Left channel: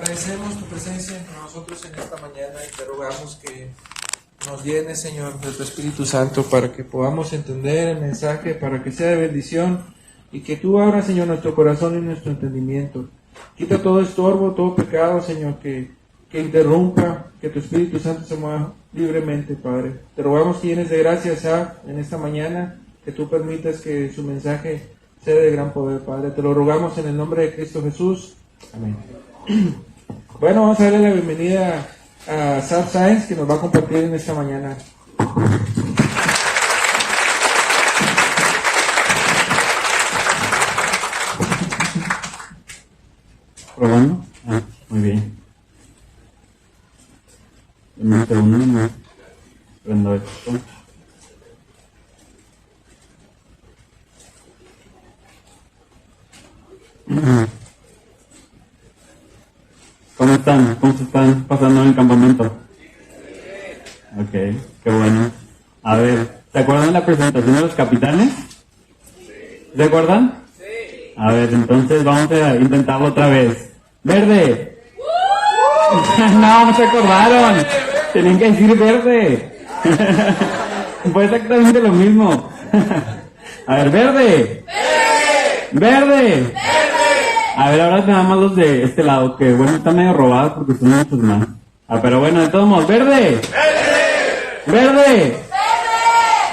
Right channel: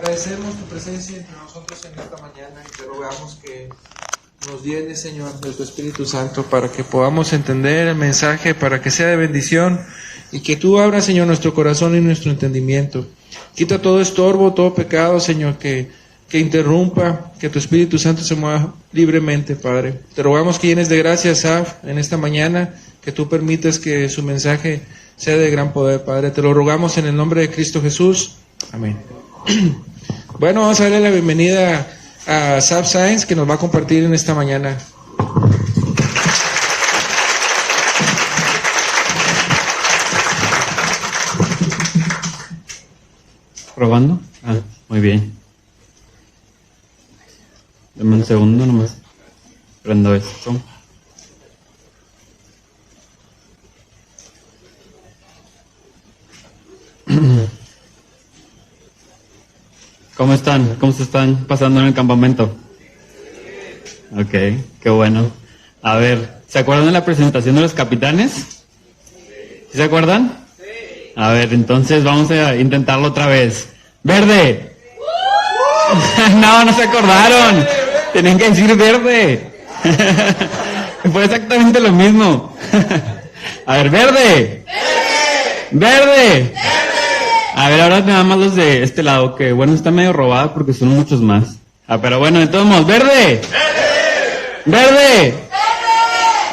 Agradecemos tu presencia entre nosotros en esta mañana y te rogamos que nos llenes, Señor, de tu Espíritu Santo para que podamos entender el mensaje, para que sea de bendición y que tú abras, Señor, nuestro corazón y nuestro entendimiento. Quita todo estorbo, todo pecado, Señor, que interrumpa, que tu Espíritu Santo se mueva libremente, Padre. Te rogamos que llenes de gracia a Saf en esta mañana, que tú permitas que su mensaje sea de gran poder, Padre. Te lo rogamos en el nombre de Cristo Jesús. Amén. Bueno, vamos a darle la bienvenida a Saf Sáenz, que nos va a compartir en esta mañana. ¿Probando? Muy bien. Dame un segundo nomás. Prendo esto. ¿Cómo están? ¿Cómo se están pasando en el campamento? Ok, qué bueno. A ver, ¿se acuerdan de la presentación de los capitanes? ¿Sí se acuerdan? Sí. A ver, entonces vamos a intentarlo otra vez. ¡Verde! No se acordaron. Tenían que decir verde. Fue exactamente lo mismo. A ver, verde. Verde. A ver, ahora nada más los de este lado, que bueno, está medio robado porque son muchos más. Pero bueno, de todos modos, ¡verde! ¡Verde!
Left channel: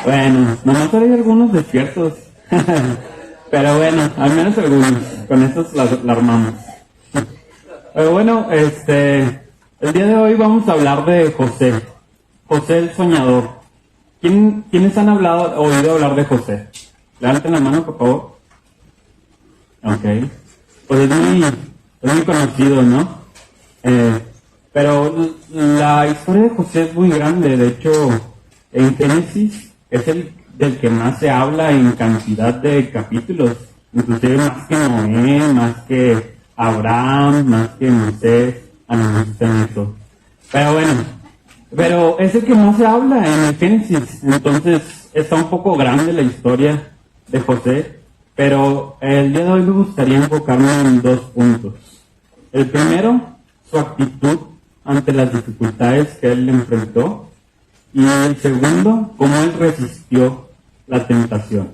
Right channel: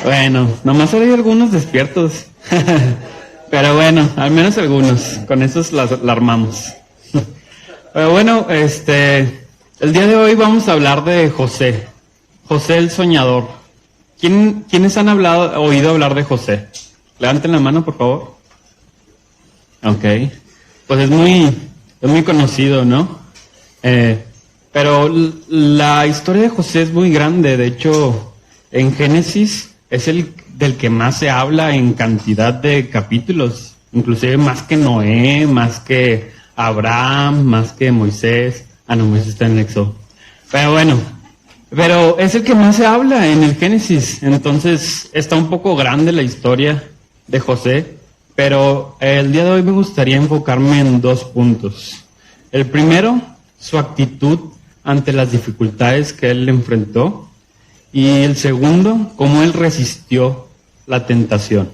Bueno, nomás hay algunos despiertos. Pero bueno, al menos algunos. Con esos la armamos. Pero bueno, el día de hoy vamos a hablar de José. José el soñador. ¿Quiénes han oído hablar de José? Levanten la mano, por favor. Ok. Pues es muy conocido, ¿no? Pero la historia de José es muy grande. De hecho, en Génesis es el del que más se habla en cantidad de capítulos. Inclusive más que Noé, más que Abraham, más que Moisés. No está en Éxodo. Pero bueno, es el que más se habla en el Génesis. Entonces está un poco grande la historia de José. Pero el día de hoy me gustaría enfocarme en 2 puntos. El primero, su actitud ante las dificultades que él enfrentó. Y el segundo, cómo él resistió la tentación.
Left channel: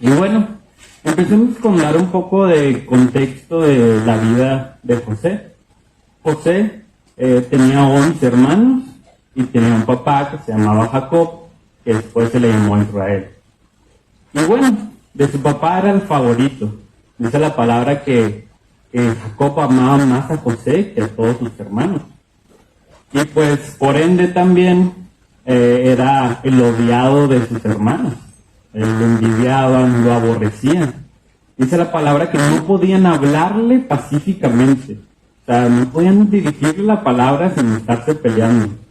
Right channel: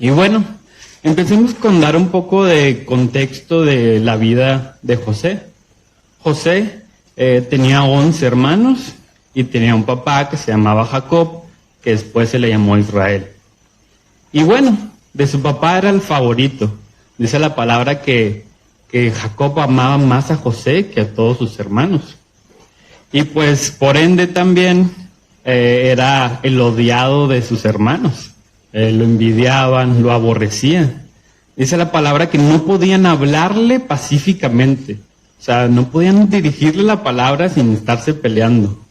Y bueno, empecemos con dar un poco de contexto de la vida de José. José tenía 11 hermanos y tenía un papá que se llamaba Jacob, que después se le llamó Israel. Y bueno, de su papá era el favorito. Dice la palabra que Jacob amaba más a José que a todos sus hermanos. Y pues por ende también era el odiado de sus hermanos. Lo envidiaban, lo aborrecían. Dice la palabra que no podían hablarle pacíficamente. O sea, no podían dirigirle la palabra sin estarse peleando.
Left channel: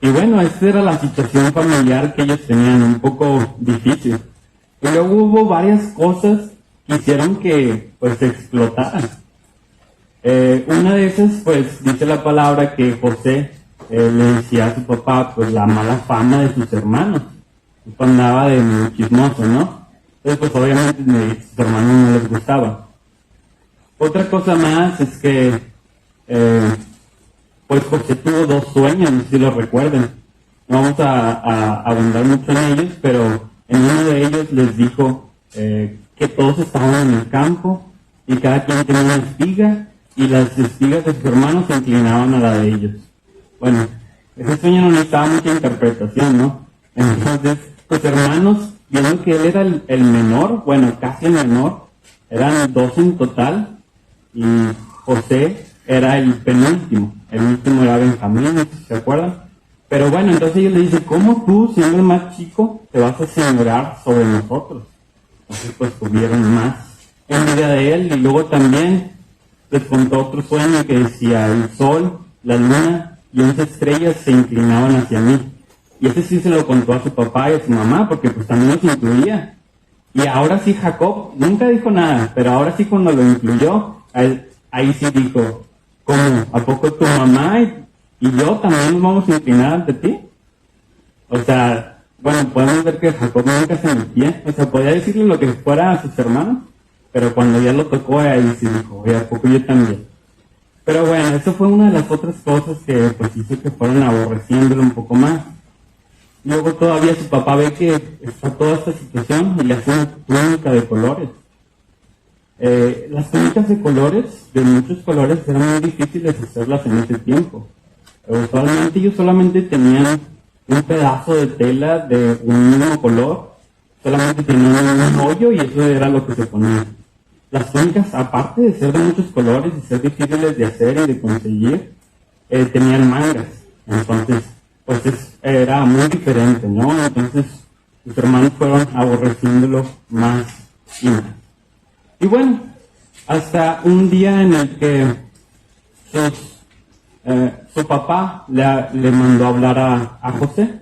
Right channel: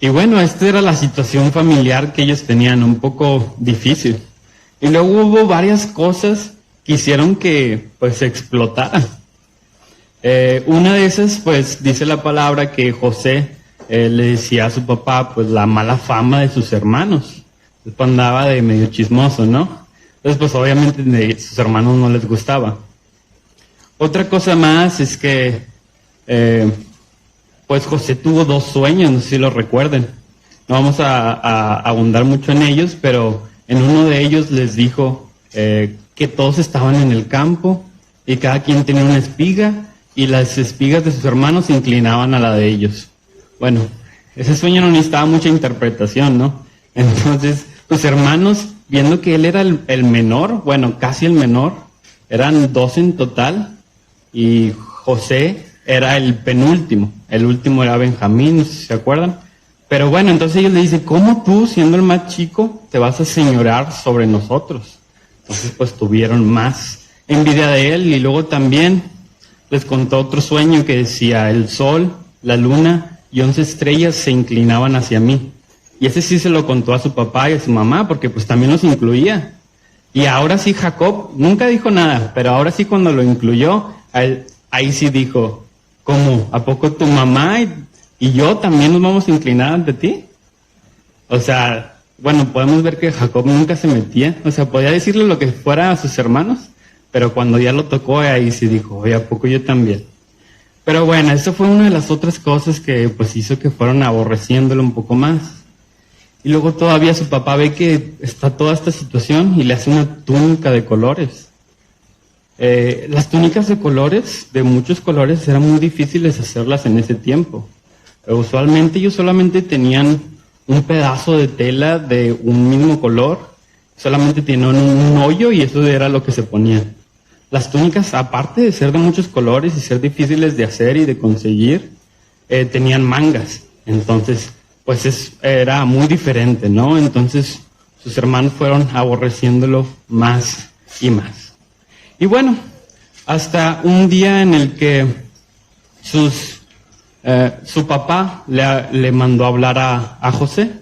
Y bueno, esta era la situación familiar que ellos tenían, un poco difícil. Y luego hubo varias cosas que hicieron que pues explotaran. Una de esas, pues dice la palabra que José le decía a su papá pues la mala fama de sus hermanos. Después andaba de medio chismoso, ¿no? Entonces pues obviamente a sus hermanos no les gustaba. Otra cosa más es que pues José tuvo 2 sueños, no sé si lo recuerden. No vamos a abundar mucho en ellos, pero en uno de ellos les dijo que todos estaban en el campo y cada quien tenía una espiga y las espigas de sus hermanos se inclinaban a la de ellos. Bueno, ese sueño no necesitaba mucha interpretación, ¿no? Entonces, sus hermanos, viendo que él era el menor, bueno, casi el menor, eran 2 en total y José era el penúltimo. El último era Benjamín, no sé si se acuerdan. Pero bueno, entonces ellos le dicen, ¿cómo tú, siendo el más chico, te vas a señorear sobre nosotros? Entonces pues tuvieron más envidia de él. Y luego también les contó otro sueño que decía, el sol, la luna y 11 estrellas se inclinaban hacia mí. Y ese sí se lo contó a su papá y a su mamá, porque pues también los incluía. Y ahora sí Jacob nunca dijo nada, pero ahora sí cuando lo incluyó, ahí sí dijo, ¿cómo? ¿A poco tu mamá y yo también nos vamos a inclinar ante ti? O sea, bueno, podemos ver que Jacob nunca se metía. O sea, podía decirle lo que fuera a sus hermanos, pero cuando ya lo tocó, ahí sí dijo, oye, ¿a poco yo también? Pero bueno, eso fue una de las otras cosas que pues hizo que fueran aborreciéndolo un poco más. Y luego todavía su papá ve que está toda esta situación y le hace una túnica de colores. Las túnicas de colores, de muchos colores, eran muy difíciles hacerlas en ese tiempo. Usualmente ellos solamente tenían un pedazo de tela de un mismo color, solamente tenían un hoyo y eso era lo que se ponía. Las túnicas, aparte de ser de muchos colores y ser difíciles de hacer y de conseguir, tenían mangas. Entonces, pues era muy diferente, ¿no? Entonces, sus hermanos fueron aborreciéndolo más y más. Y bueno, hasta un día en el que su papá le mandó a hablar a José,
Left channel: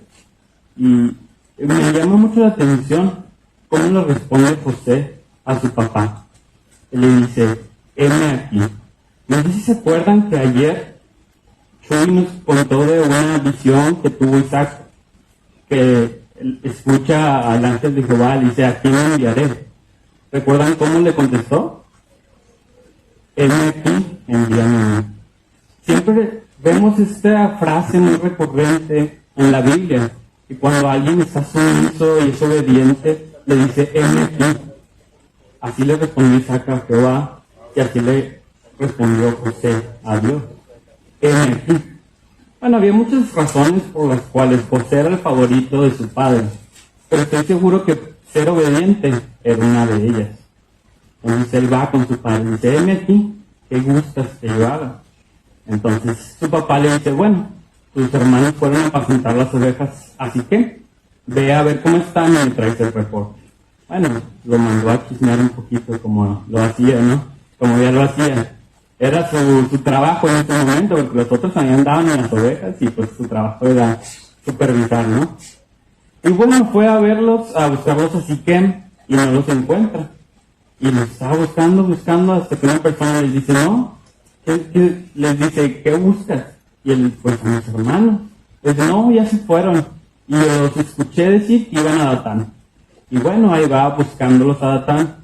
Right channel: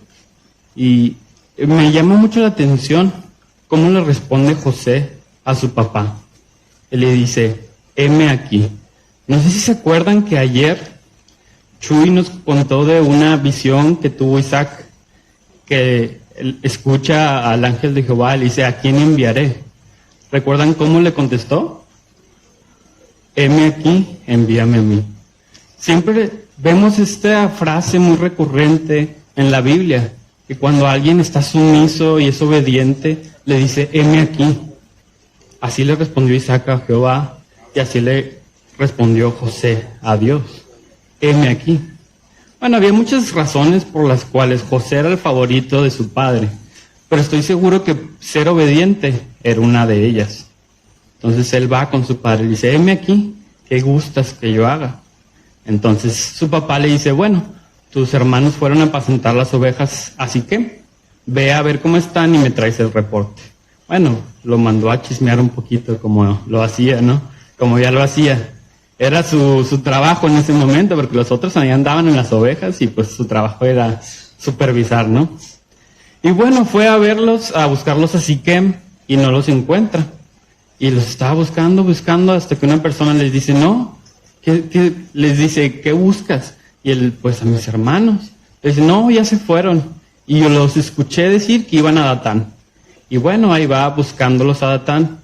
y me llama mucho la atención cómo le responde José a su papá. Él le dice, heme aquí. No sé si se acuerdan que ayer Chuy nos contó de una visión que tuvo Isaac, que él escucha al ángel de Jehová y dice, ¿a quién enviaré? ¿Recuerdan cómo le contestó? Heme aquí, envíame a mí. Siempre vemos esta frase muy recurrente en la Biblia, que cuando alguien está sumiso y es obediente, le dice, heme aquí. Así le respondió Isaac a Jehová, y así le respondió José a Dios. Heme aquí. Bueno, había muchas razones por las cuales José era el favorito de su padre, pero estoy seguro que ser obediente era una de ellas. Entonces él va con su padre y dice, heme aquí, ¿qué gustas que yo haga? Entonces su papá le dice, bueno, tus hermanos fueron a apacentar las ovejas, así que ve a ver cómo están y me traes el reporte. Bueno, lo mandó a chismear un poquito como lo hacía, ¿no? Como ya lo hacía. Era su trabajo en ese momento, porque los otros ahí andaban en las ovejas y pues su trabajo era supervisar, ¿no? Y bueno, fue a verlos, a buscarlos a Siquem y no los encuentra. Y los estaba buscando hasta que una persona les dice, no, les dice, ¿qué buscas? Y él, pues a mis hermanos. Les dice, no, ya se fueron. Y yo los escuché decir que iban a Datán. Y bueno, ahí va buscándolos a Datán.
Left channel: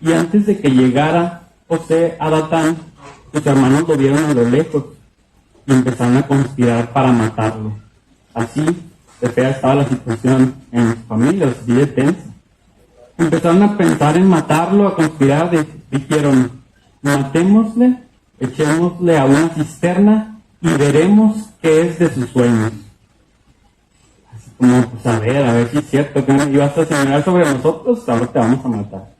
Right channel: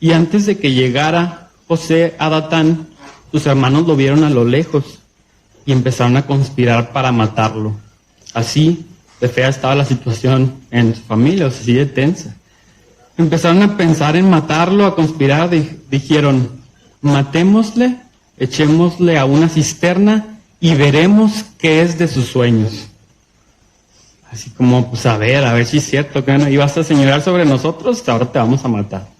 Y antes de que llegara José a Datán, sus hermanos lo vieron a lo lejos y empezaron a conspirar para matarlo. Así de fea estaba la situación en su familia, así de tensa. Empezaron a pensar en matarlo, a conspirar, dijeron, matémosle, echémosle a una cisterna y veremos qué es de sus sueños. Así como, pues a ver si es cierto que ibas a señalar sobre nosotros, ahora te vamos a matar.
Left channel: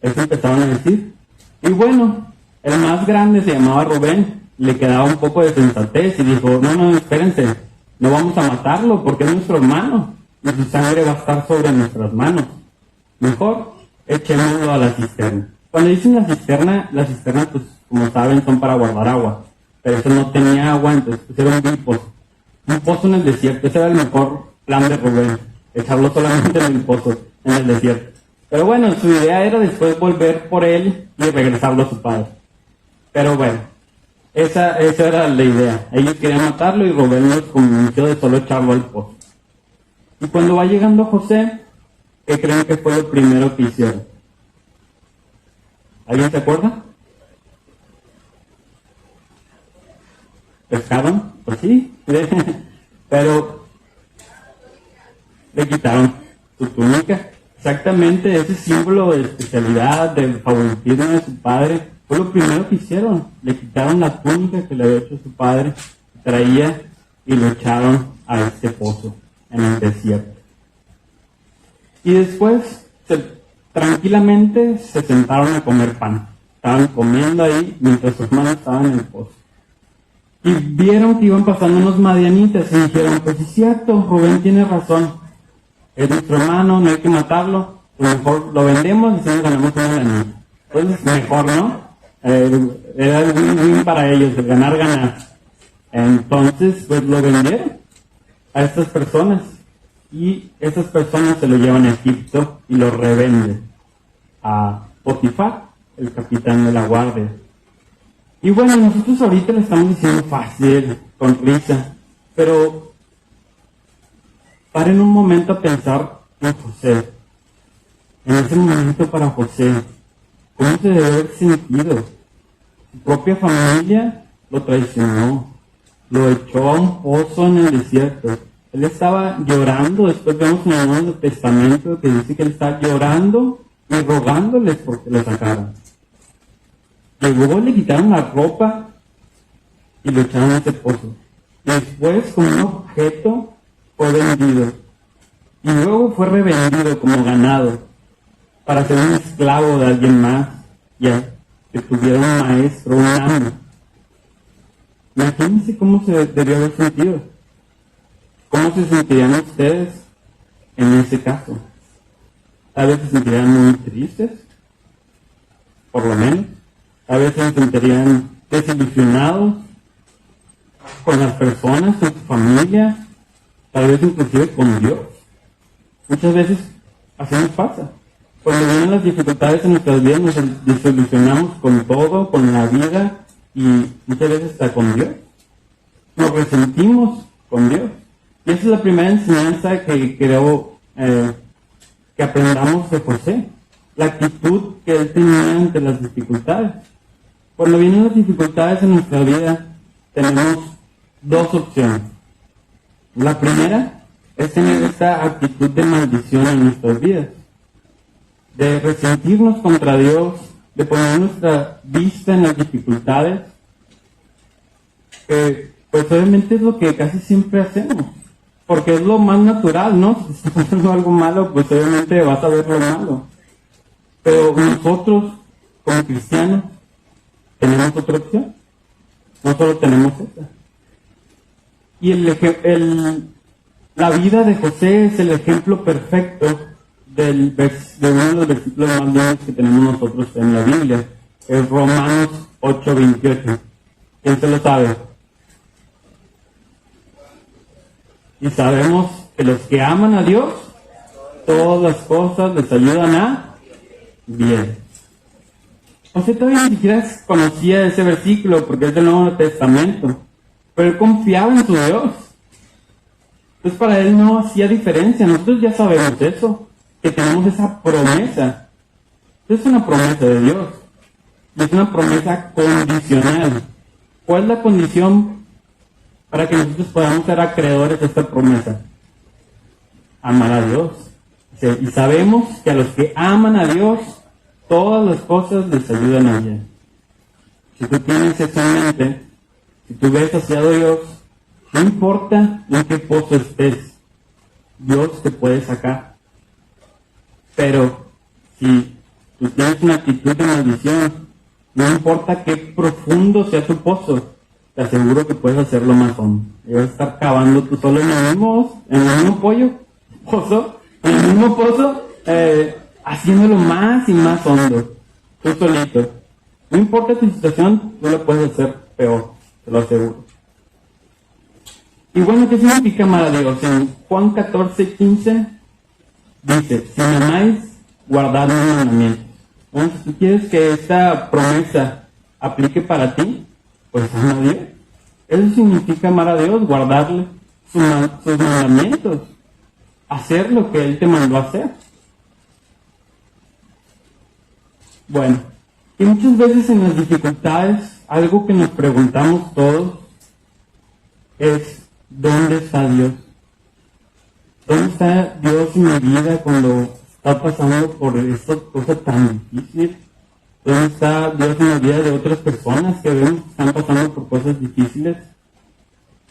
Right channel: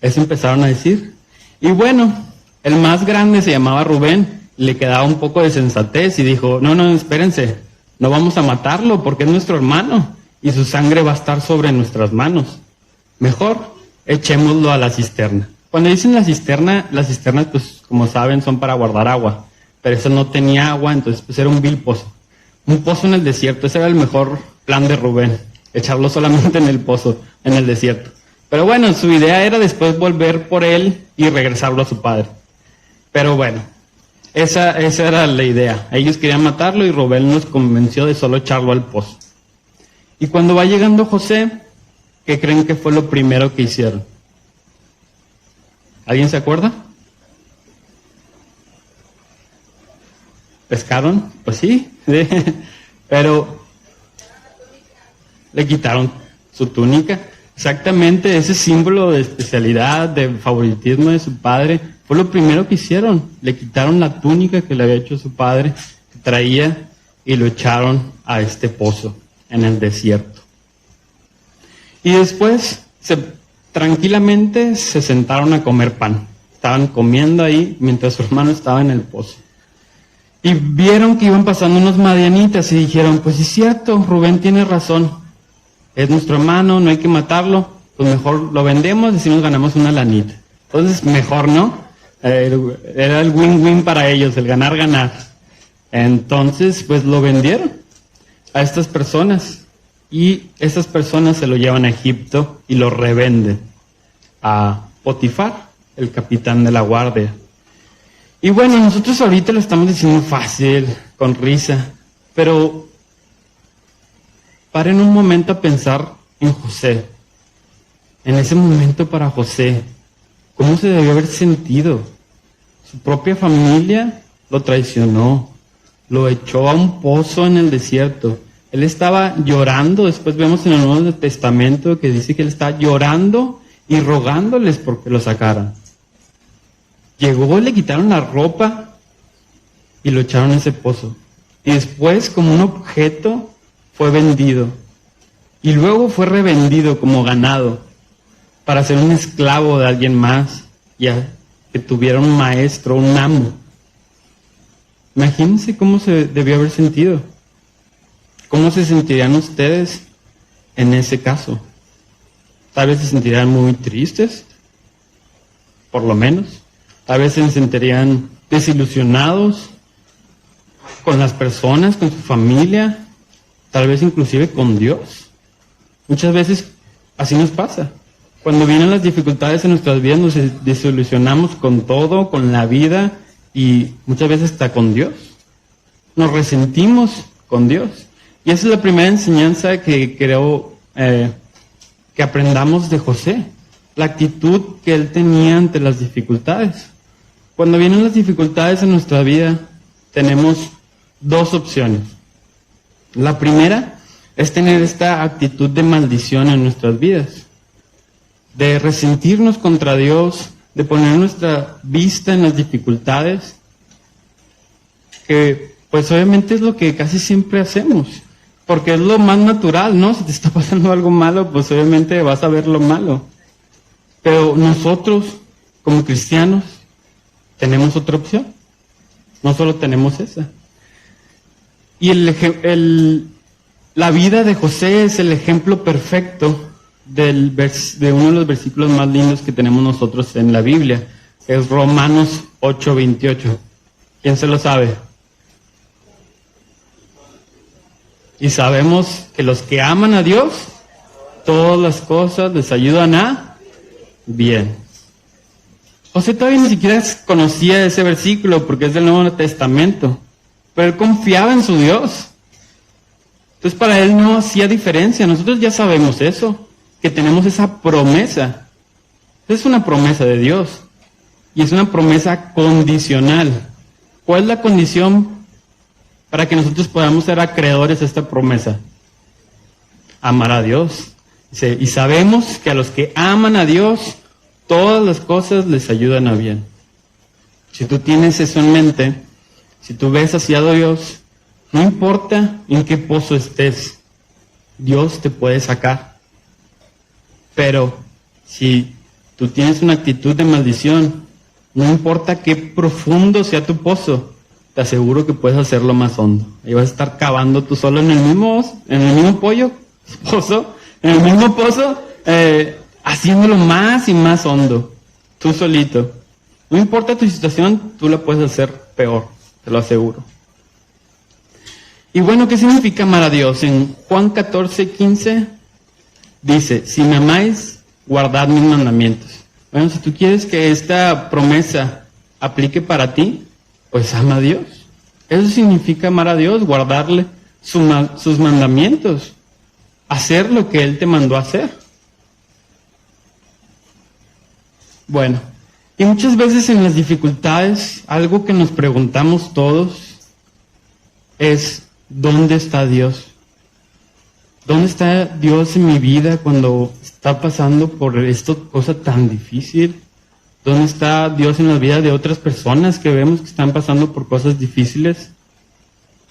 Eso empezaron a decir. Y bueno, el más grande se llamaba Rubén, le quedaba un poco de sensatez y dijo, no, espérense, no vamos a matarlo porque es nuestro hermano y su sangre va a estar sobre nuestras manos. Mejor echémoslo a la cisterna. Cuando dicen la cisterna, pues como saben son para guardar agua, pero eso no tenía agua, entonces pues era un vil pozo. Un pozo en el desierto, ese era el mejor plan de Rubén, echarlo solamente en el pozo, en el desierto. Pero bueno, su idea era después volver por él y regresarlo a su padre. Pero bueno, esa era la idea. Ellos querían matarlo y Rubén los convenció de solo echarlo al pozo. Y cuando va llegando José, ¿qué creen que fue lo primero que hicieron? ¿Alguien se acuerda? ¿Pescaron? Pues sí, pero le quitaron su túnica. Exactamente, ese símbolo de especialidad, de favoritismo de su padre, fue lo primero que hicieron. Le quitaron la túnica que le había hecho su padre, que traía, y lo echaron a este pozo en el desierto. Y después, tranquilamente se sentaron a comer pan. Estaban comiendo ahí mientras su hermano estaba en el pozo. Y vieron que iban pasando unos madianitas y dijeron, pues es cierto, Rubén tiene razón. Es nuestro hermano, no hay que matarlo, pues mejor lo vendemos y así nos ganamos una lanita. Entonces, mejor, ¿no? Era el win-win para ellos, el ganar-ganar. Entonces, pues lo vendieron a estas personas. Y estas personas se lo llevan a Egipto y lo revenden a Potifar, el capitán de la guardia. Y bueno, nosotros ahorita lo estamos diciendo fácil, con risa, pero paren un momento a pensar en José. En ese momento para José, ¿Cómo se debió haber sentido? Su propia familia lo traicionó, lo echó a un pozo en el desierto. Él estaba llorando, después vemos en el Nuevo Testamento que dice que él estaba llorando y rogándoles porque lo sacaran. Llegó, le quitaron la ropa y lo echaron a ese pozo. Y después, como un objeto, fue vendido. Y luego fue revendido como ganado para ser un esclavo de alguien más, ya que tuviera un maestro, un amo. Imagínense cómo se debió haber sentido. ¿Cómo se sentirían ustedes en ese caso? Tal vez se sentirían muy tristes, por lo menos. Tal vez se sentirían desilusionados con las personas, con su familia, tal vez inclusive con Dios. Muchas veces así nos pasa. Cuando vienen las dificultades en nuestras vidas nos desilusionamos con todo, con la vida y muchas veces hasta con Dios. Nos resentimos con Dios. Y esa es la primera enseñanza que creo que aprendamos de José. La actitud que él tenía ante las dificultades. Cuando vienen las dificultades en nuestra vida, tenemos dos opciones. La primera es tener esta actitud de maldición en nuestras vidas, de resentirnos contra Dios, de poner nuestra vista en las dificultades, que pues obviamente es lo que casi siempre hacemos, porque es lo más natural, ¿no? Si te está pasando algo malo, pues obviamente vas a ver lo malo. Pero nosotros, como cristianos, tenemos otra opción. No solo tenemos esa. Y la vida de José es el ejemplo perfecto de uno de los versículos más lindos que tenemos nosotros en la Biblia. Es Romanos 8:28. ¿Quién se lo sabe? Y sabemos que los que aman a Dios, todas las cosas les ayudan a bien. José todavía ni siquiera conocía ese versículo porque es del Nuevo Testamento, pero él confiaba en su Dios. Entonces para él no hacía diferencia. Nosotros ya sabemos eso, que tenemos esa promesa. Es una promesa de Dios y es una promesa condicional. ¿Cuál es la condición para que nosotros podamos ser acreedores a esta promesa? Amar a Dios. Y sabemos que a los que aman a Dios, todas las cosas les ayudan a bien. Si tú tienes eso en mente, si tú ves hacia Dios, no importa en qué pozo estés, Dios te puede sacar. Pero si tú tienes una actitud de maldición, no importa qué profundo sea tu pozo, te aseguro que puedes hacerlo más hondo. Ahí vas a estar cavando tú solo en el mismo pozo, haciéndolo más y más hondo, tú solito. No importa tu situación, tú la puedes hacer peor, te lo aseguro. Y bueno, ¿qué significa amar a Dios? En Juan 14:15 dice, si me amáis, guardad mis mandamientos. Bueno, si tú quieres que esta promesa aplique para ti, pues ama a Dios. Eso significa amar a Dios, guardarle sus mandamientos, hacer lo que Él te mandó a hacer. Bueno, y muchas veces en las dificultades, algo que nos preguntamos todos es, ¿dónde está Dios? ¿Dónde está Dios en mi vida cuando está pasando por esta cosa tan difícil? ¿Dónde está Dios en la vida de otras personas que vemos que están pasando por cosas difíciles?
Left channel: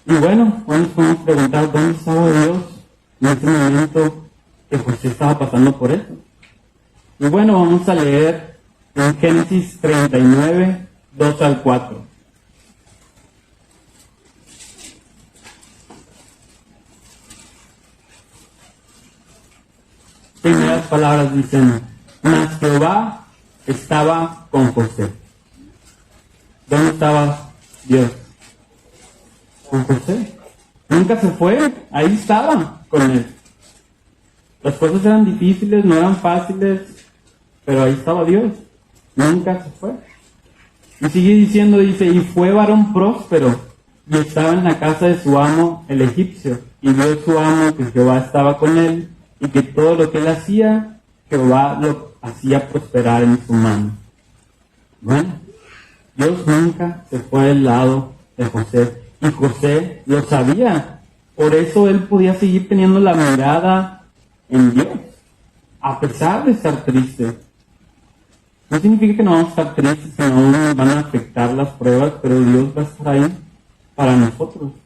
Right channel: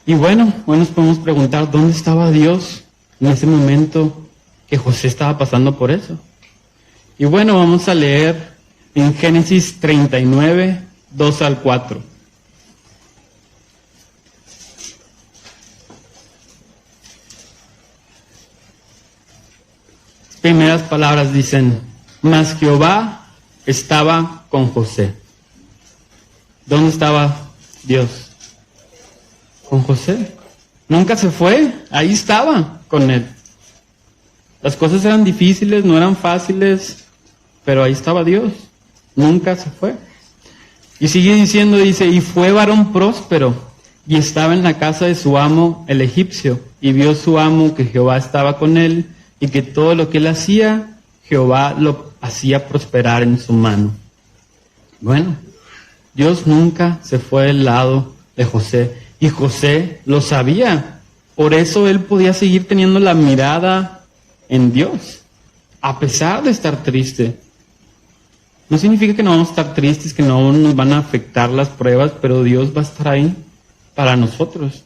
Y bueno, hoy nos podemos preguntar, ¿dónde estaba Dios en ese momento que José estaba pasando por eso? Y bueno, vamos a leer en Génesis 39, 2-4. Primeras palabras dicen, mas Jehová estaba con José. ¿Dónde estaba Dios? Con José. Nunca se fue, ahí estaba con él. Las cosas eran difíciles, no eran fáciles, pero ahí estaba Dios. Nunca se fue. Y sigue diciendo, dice, y fue varón próspero, y estaba en la casa de su amo, el egipcio, y vio su amo que Jehová estaba con él, y que todo lo que él hacía, Jehová lo hacía prosperar en su mano. Bueno, Dios nunca se fue del lado de José, y José lo sabía. Por eso él podía seguir teniendo la mirada en Dios, a pesar de estar triste. No significa que no vamos a estar tristes, que no nos van a afectar las pruebas, pero Dios va a estar ahí para nosotros.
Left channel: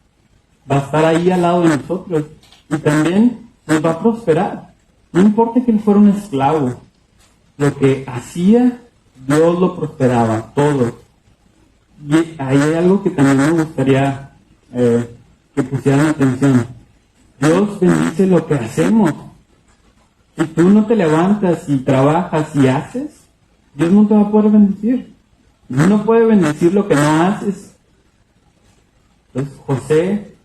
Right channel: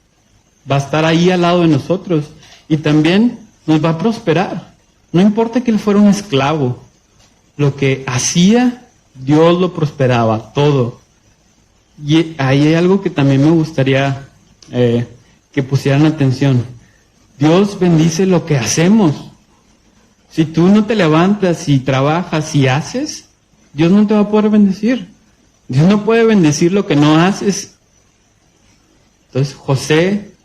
Va a estar ahí al lado de nosotros. Y también nos va a prosperar. No importa que él fuera un esclavo. Lo que hacía, Dios lo prosperaba, todo. Y ahí hay algo que también me gustaría que pusieran atención. Dios bendice lo que hacemos. Si tú no te levantas y trabajas y haces, Dios no te va a poder bendecir. Dios no puede bendecir lo que no haces. Entonces José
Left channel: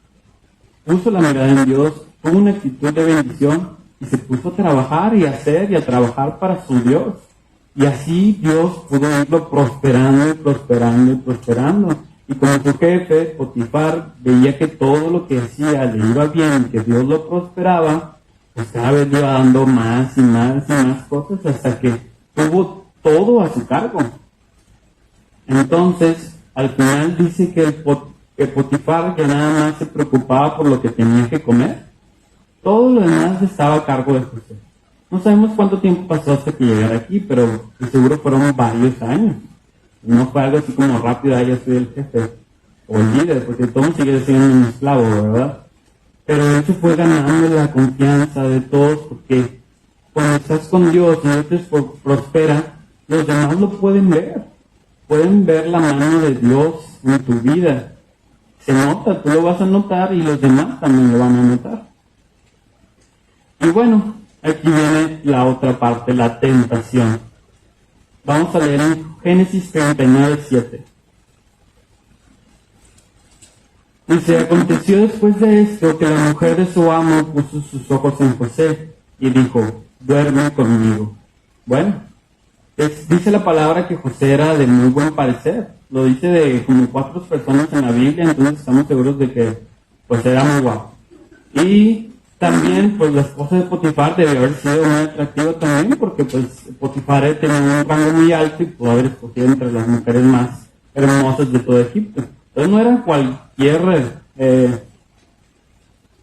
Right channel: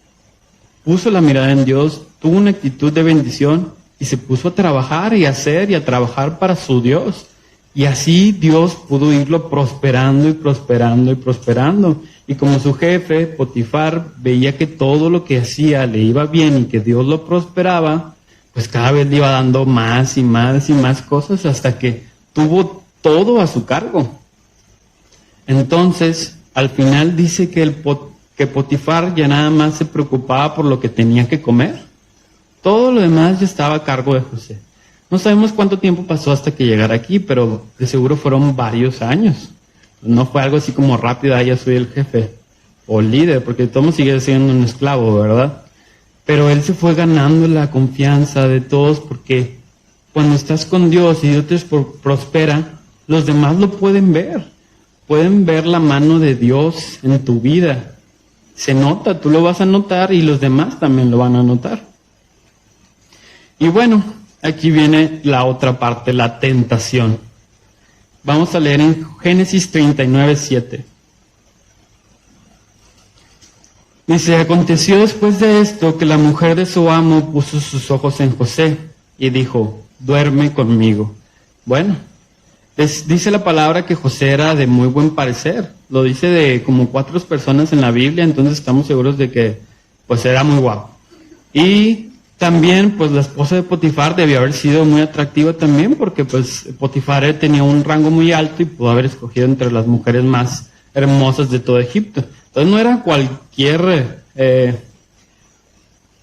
puso la mirada en Dios, tuvo una actitud de bendición y se puso a trabajar y a hacer y a trabajar para su Dios. Y así Dios pudo irlo prosperando y prosperando y prosperando. Y como su jefe, Potifar, veía que todo lo que hacía le iba bien y que Dios lo prosperaba, pues cada vez le iba dando más y más y más cosas hasta que tuvo todo a su cargo. Entonces, al final dice que Potifar ya nada más se preocupaba por lo que tenía que comer. Todo lo demás ya estaba a cargo de José. No sabemos cuánto tiempo pasó hasta que llegara aquí, pero de seguro fueron varios años. No fue algo así como rápido, ya soy el jefe o el líder, porque todo sigue siendo un esclavo, ¿verdad? Pero él se fue ganando la confianza de todos, porque cuando estás con Dios y Dios te prospera, los demás lo pueden ver. Pueden ver la mano de Dios en tu vida. Se nota, tú lo vas a notar y los demás también lo van a notar. Y bueno, aquí viene la otra parte, la tentación. Vamos a leer en Génesis 39:7. Dice, aconteció después de esto que la mujer de su amo puso sus ojos en José y dijo, duerme conmigo. Bueno, dice la palabra que José era de muy buen parecer. Lo dice de como 4 personas en la Biblia, entonces estamos seguros de que pues era muy guapo. Y también, pues la esposa de Potifar debió haber sido muy atractiva también, porque pues Potifar tenía un rango muy alto y pudo haber escogido entre las mujeres más hermosas de todo Egipto. Entonces no era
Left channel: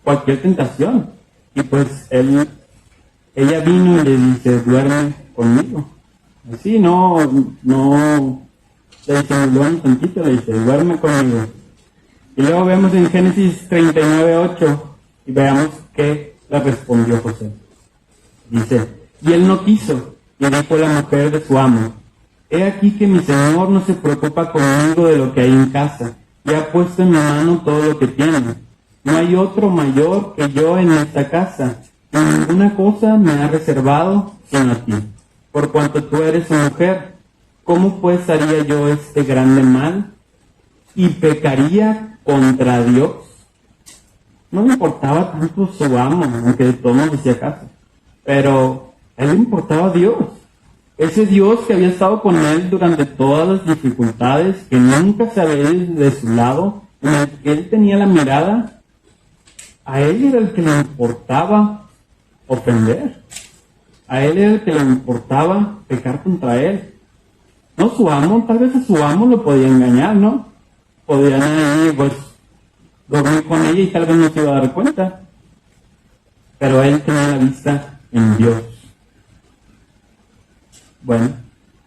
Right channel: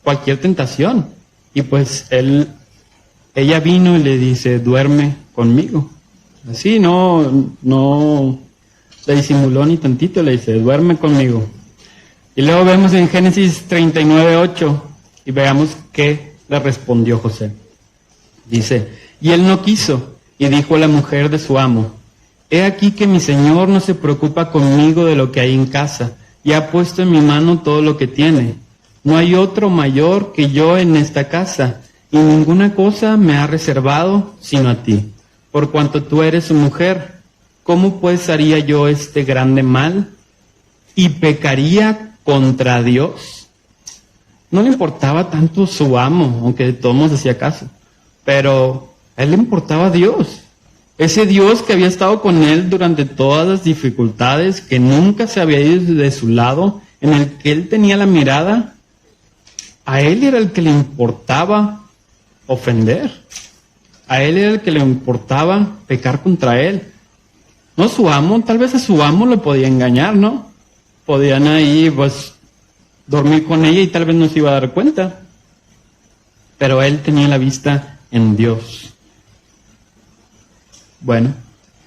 cualquier tentación. Y pues ella vino y le dice, duerme conmigo. Así, no le disimuló ni tantito, le dice, duerme conmigo. Y luego vemos en Génesis 39:8 y veamos qué le respondió José. Dice, y él no quiso, y dijo a la mujer de su amo, he aquí que mi señor no se preocupa conmigo de lo que hay en casa, y ha puesto en mi mano todo lo que tiene. No hay otro mayor que yo en esta casa, y ninguna cosa me ha reservado sino a ti. Por cuanto tú eres su mujer, ¿cómo pues haría yo este grande mal? ¿Y pecaría contra Dios? No le importaba tanto su amo, aunque de todos modos hacía caso. Pero a él le importaba Dios. Ese Dios que había estado con él durante todas las dificultades, que nunca se había ido de su lado, en el que él tenía la mirada, a él era el que le importaba ofender. A él era el que le importaba pecar contra él. No su amo, tal vez a su amo lo podía engañar, ¿no? Podían ahí, pues, dormir con ella y tal vez no se iba a dar cuenta. Pero él tenía la vista en Dios. Bueno,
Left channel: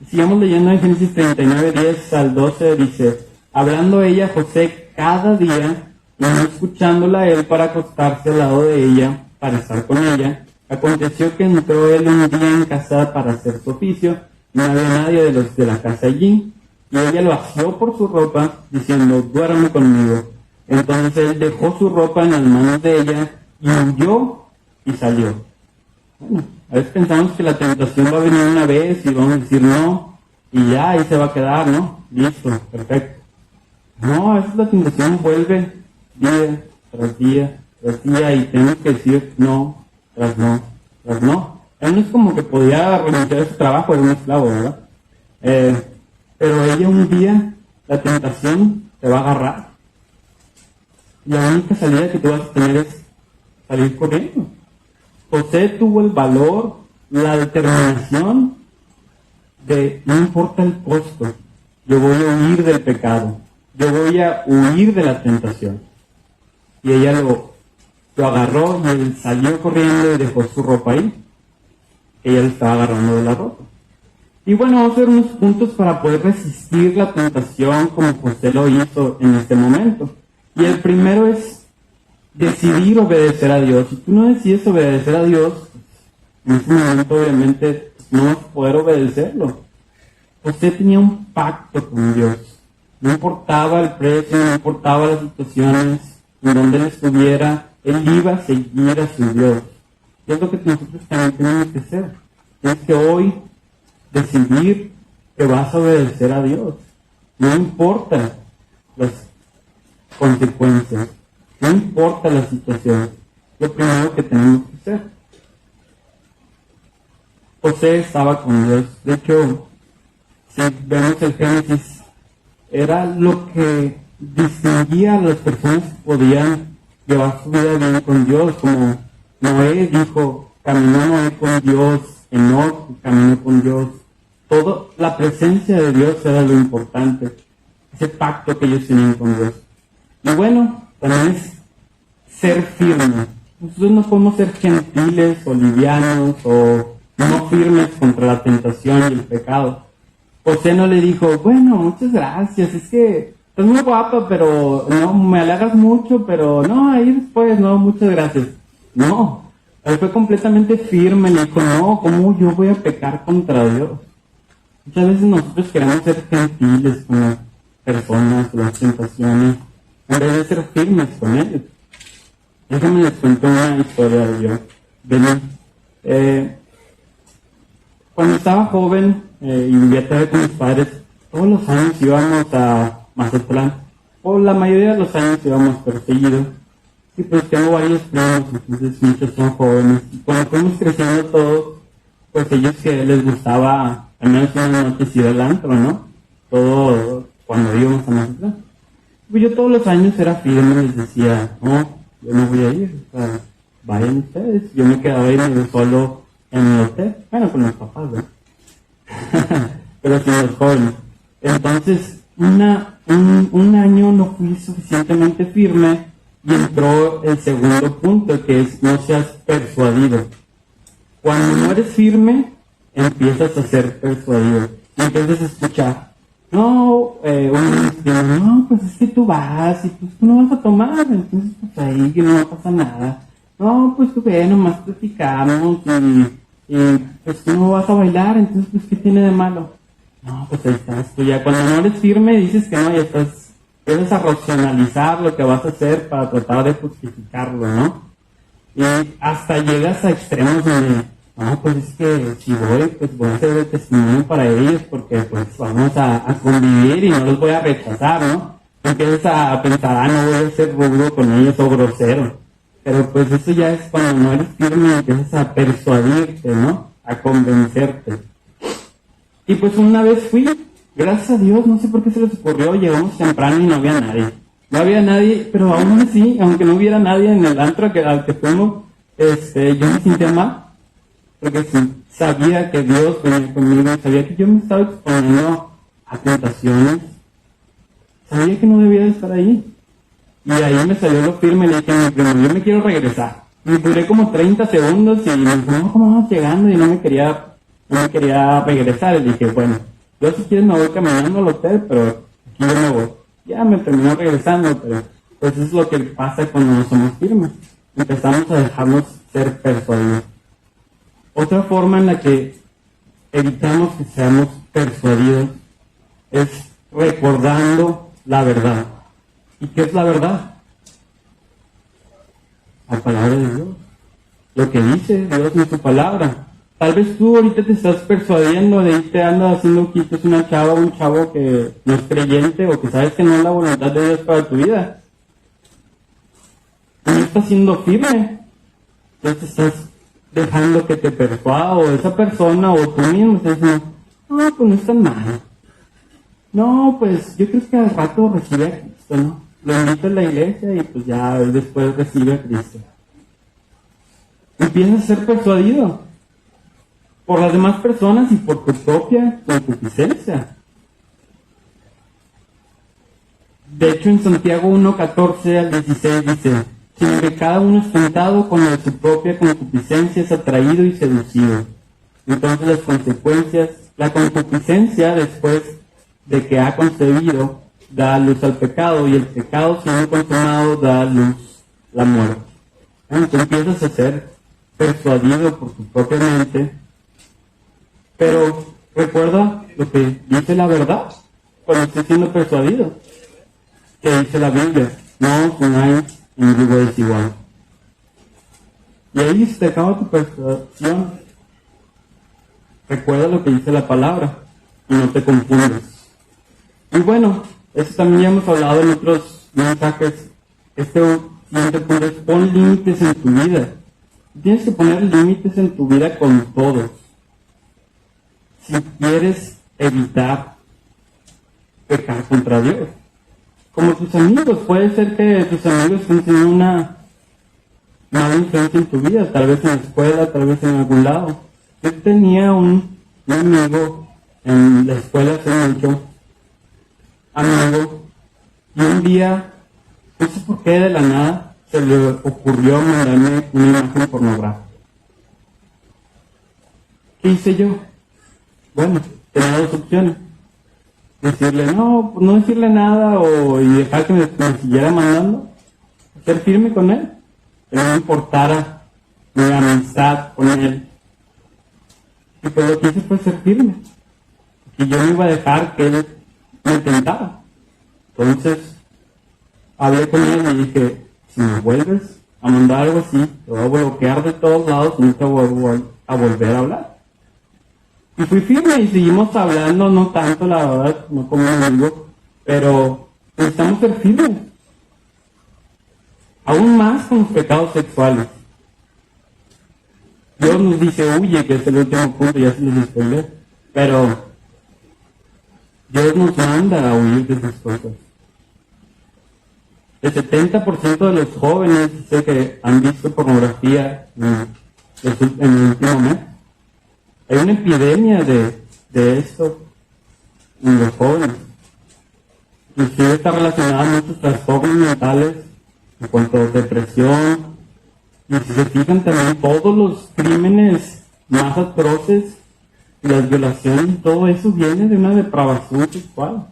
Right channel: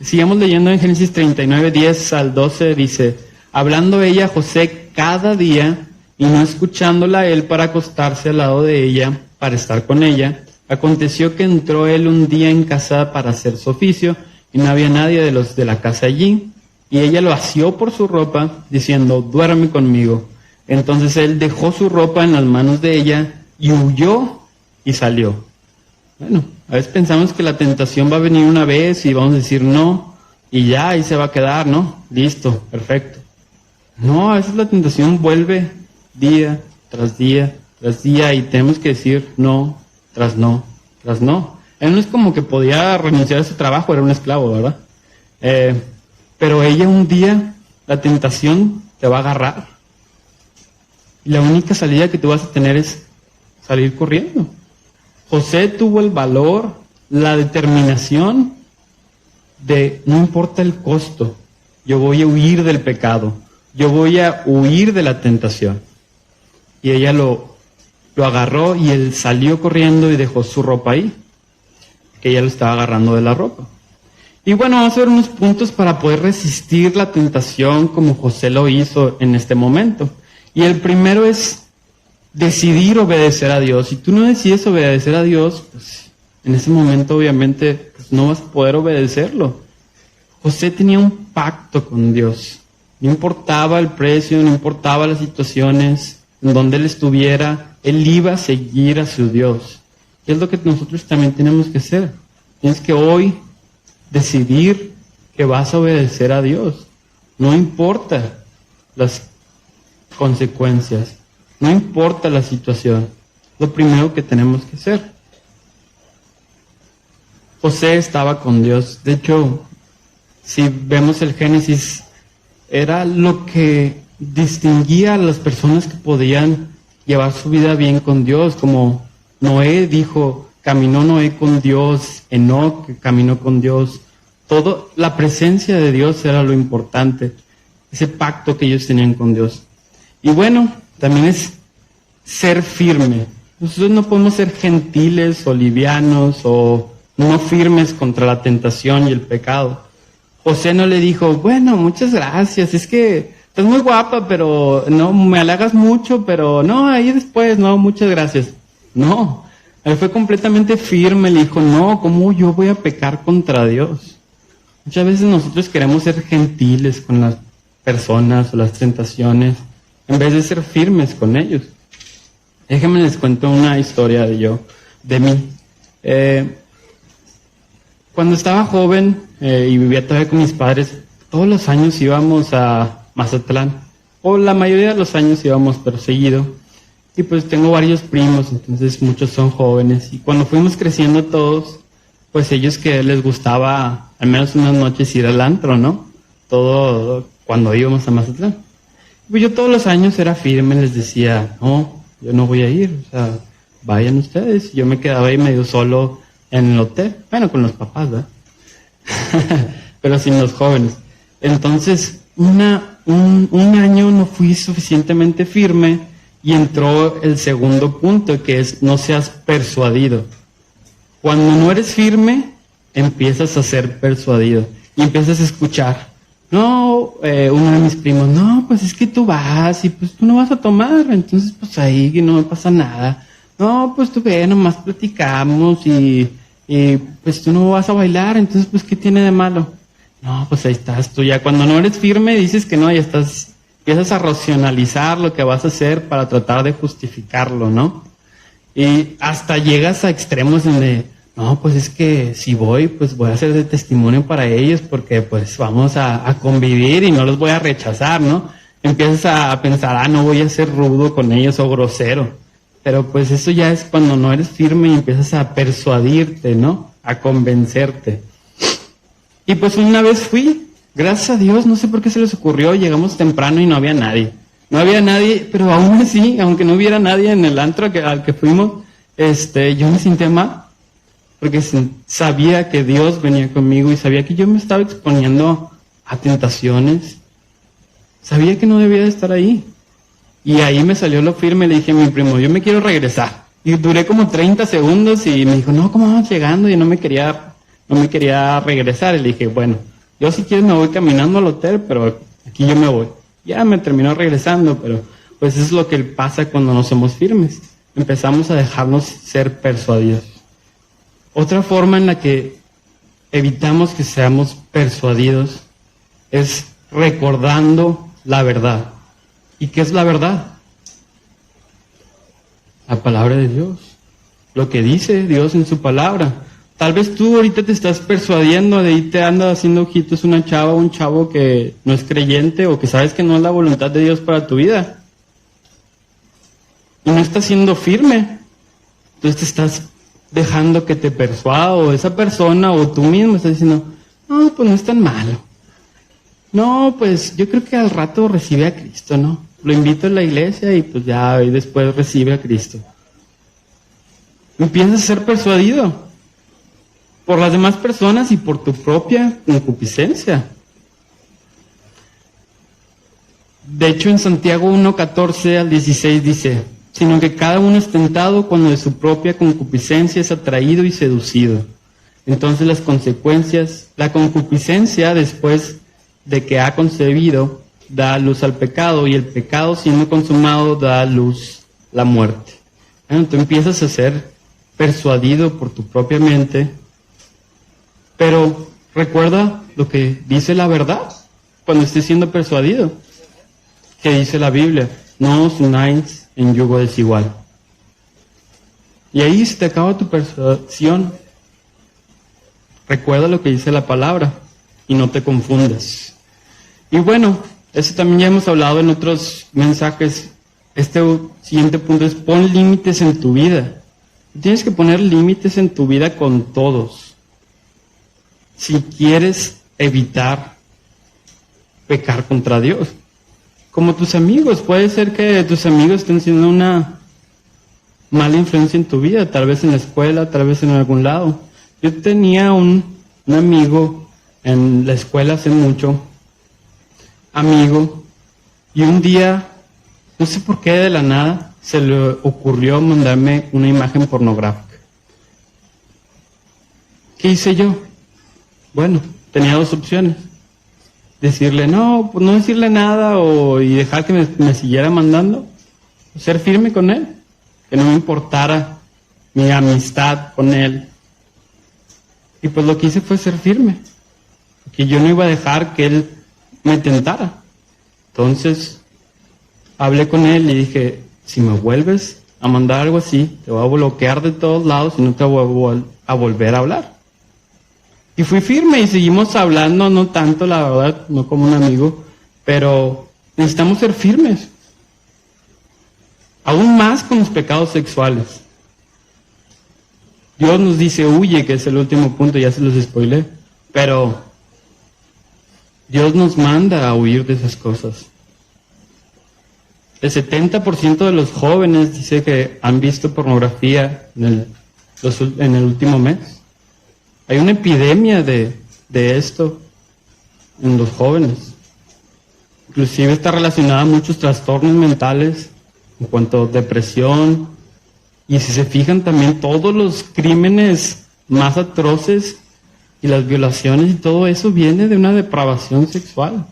sigamos leyendo en Génesis 39:10-12, dice, hablando ella a José cada día y no escuchándola él para acostarse al lado de ella, para estar con ella, aconteció que entró él un día en casa para hacer su oficio y no había nadie de los de la casa allí. Y ella lo asió por su ropa, diciendo, duerme conmigo. Entonces él dejó su ropa en las manos de ella y huyó y salió. Bueno, a veces pensamos que la tentación va a venir una vez y vamos a decir no, y ya ahí se va a quedar, ¿no? Listo, perfecto. No, a veces la tentación vuelve día tras día tras día y tenemos que decir no, tras no, tras no. Él no es como que podía renunciar a su trabajo, era un esclavo, ¿verdad? Pero ella un día, la tentación te va a agarrar. Y la única salida que tú vas a tener es salir corriendo. José tuvo el valor, la determinación de, no importa el costo, yo voy a huir del pecado, yo voy a huir de la tentación. Y ella lo agarró y él salió corriendo y dejó su ropa ahí, que ella lo estaba agarrando de la ropa. Y bueno, vamos a ver unos puntos para poder resistir la tentación como José lo hizo en este momento. Y el primero es decidir obedecer a Dios. Si tú no decides obedecer a Dios, pues en ese momento obviamente pues, no vas a poder obedecerlo. José tenía un pacto con Dios. No importaba el precio, no importaba las situaciones en donde él estuviera, él iba a seguir a su Dios. ¿Qué es lo que nosotros también tenemos que hacer? Tienes que hoy decidir que vas a obedecer a Dios. No importa las consecuencias, no importa la situación. Lo primero que tenemos que hacer. José estaba con Dios. De hecho, si vemos el Génesis, era lo que distinguía a las personas que podían llevar su vida bien con Dios, como Noé dijo, caminó Noé con Dios, Enoc caminó con Dios. Toda la presencia de Dios era lo importante, ese pacto que ellos tenían con Dios. Y bueno, también es ser firme. Nosotros no podemos ser gentiles o livianos o no firmes contra la tentación y el pecado. José no le dijo, bueno, muchas gracias, es que estás muy guapa, pero no, me halagas mucho, pero no, ahí después, no, muchas gracias. No, él fue completamente firme, le dijo, no, ¿cómo yo voy a pecar contra Dios? Muchas veces nosotros queremos ser gentiles con las personas o las tentaciones, en vez de ser firmes con ellos. Déjenme les cuento una historia de mí. Cuando estaba joven y vivía todavía con mis padres, todos los años íbamos a Mazatlán, o la mayoría de los años íbamos pero seguido, y pues tengo varios primos, entonces muchos son jóvenes, y cuando fuimos creciendo todos, pues ellos que les gustaba al menos unas noches ir al antro, ¿no? Todo cuando íbamos a Mazatlán. Pues yo todos los años era firme, les decía, no, yo no voy a ir, o sea, vayan ustedes. Yo me quedaba ahí medio solo en el hotel, bueno, con los papás, ¿no? Pero sin los jóvenes. Entonces, un año no fui suficientemente firme y entró el segundo punto, que es no seas persuadido. Cuando no eres firme, empiezas a ser persuadido y empiezas a escuchar. No, uno de mis primos, no, pues es que tú vas y pues tú no vas a tomar, entonces pues ahí que no pasa nada. No, pues tú ve, nomás platicamos y pues tú no vas a bailar, entonces pues ¿qué tiene de malo? No, pues ahí estás tú ya. Cuando no eres firme dices que no, ya empiezas a racionalizar lo que vas a hacer para tratar de justificarlo, ¿no? Y hasta llegas a extremos donde, no, pues es que si voy, pues voy a ser de testimonio para ellos porque pues vamos a convivir y no los voy a rechazar, ¿no? Empiezas a pensar, no voy a ser rudo con ellos o grosero. Pero pues eso ya es cuando no eres firme y empiezas a persuadirte, ¿no? A convencerte. Y pues una vez fui, gracias a Dios, no sé por qué se les ocurrió, llegamos temprano y no había nadie. No había nadie, pero aún así, aunque no hubiera nadie en el antro al que fuimos, yo me sentía mal. Porque sabía que Dios venía conmigo y sabía que yo me estaba exponiendo a tentaciones. Sabía que no debía de estar ahí. Y ahí me salió lo firme y le dije a mi primo, yo me quiero regresar. Y duré como 30 segundos y me dijo, no, ¿cómo vamos llegando? Y no me quería regresar. Y le dije, bueno, yo si quieres me voy caminando al hotel, pero aquí yo me voy. Ya me terminó regresando, pero pues eso es lo que pasa cuando no somos firmes. Empezamos a dejarnos ser persuadidos. Otra forma en la que evitamos que seamos persuadidos es recordando la verdad. ¿Y qué es la verdad? La palabra de Dios. Lo que dice Dios en su palabra. Tal vez tú ahorita te estás persuadiendo de irte anda haciendo ojitos una chava o un chavo que no es creyente o que sabes que no es la voluntad de Dios para tu vida. Y no estás siendo firme. Entonces te estás dejando que te persuada o esa persona o tú mismo estás diciendo, no, pues no es tan malo. No, pues yo creo que al rato recibe a Cristo, ¿no? Lo invito a la iglesia y pues ya y después recibe a Cristo. Empiezas a ser persuadido por las demás personas y por tu propia concupiscencia. De hecho, en Santiago 1:14 al 16 dice, sino que cada uno es tentado cuando de su propia concupiscencia es atraído y seducido. Entonces las consecuencias, la concupiscencia después de que ha concebido, da luz al pecado, y el pecado siendo consumado da luz la muerte. Tú empiezas a ser persuadido por tu propia mente, pero recuerda lo que dice la verdad cuando estés siendo persuadido. Que dice la Biblia, no os unáis en yugo desigual. Y ahí se te acaba tu persuasión. Recuerda lo que dice la palabra y no te confundas. Y bueno, eso también ya hemos hablado en otros mensajes. Este siguiente punto es pon límites en tu vida. Tienes que poner límites en tu vida con todos. Si quieres evitar pecar contra Dios. Como tus amigos, puede ser que tus amigos estén siendo una mala influencia en tu vida, tal vez en la escuela, tal vez en algún lado. Yo tenía un amigo en la escuela hace mucho, amigo, y un día, no sé por qué de la nada, se le ocurrió mandarme una imagen pornográfica. ¿Qué hice yo? Bueno, tenía dos opciones. Decirle no, pues no decirle nada y dejar que me siguiera mandando. Ser firme con él. Que no me importara mi amistad con él. Y pues lo que hice fue ser firme. Que yo no iba a dejar que él me tentara. Entonces, hablé con él y dije, si me vuelves a mandar algo así, te voy a bloquear de todos lados y no te voy a volver a hablar. Y fui firme y seguimos hablando, no tanto, la verdad, no como un amigo, pero necesitamos ser firmes. Aún más con los pecados sexuales. Dios nos dice, huye, que es el último punto, ya se los spoilé, pero Dios nos manda a huir de esas cosas. El 70% de los jóvenes dice que han visto pornografía en el último mes. Hay una epidemia de esto en los jóvenes. Inclusive está relacionada a muchos trastornos mentales en cuanto a depresión. Y si se fijan también todos los crímenes más atroces y las violaciones y todo eso viene de una depravación sexual.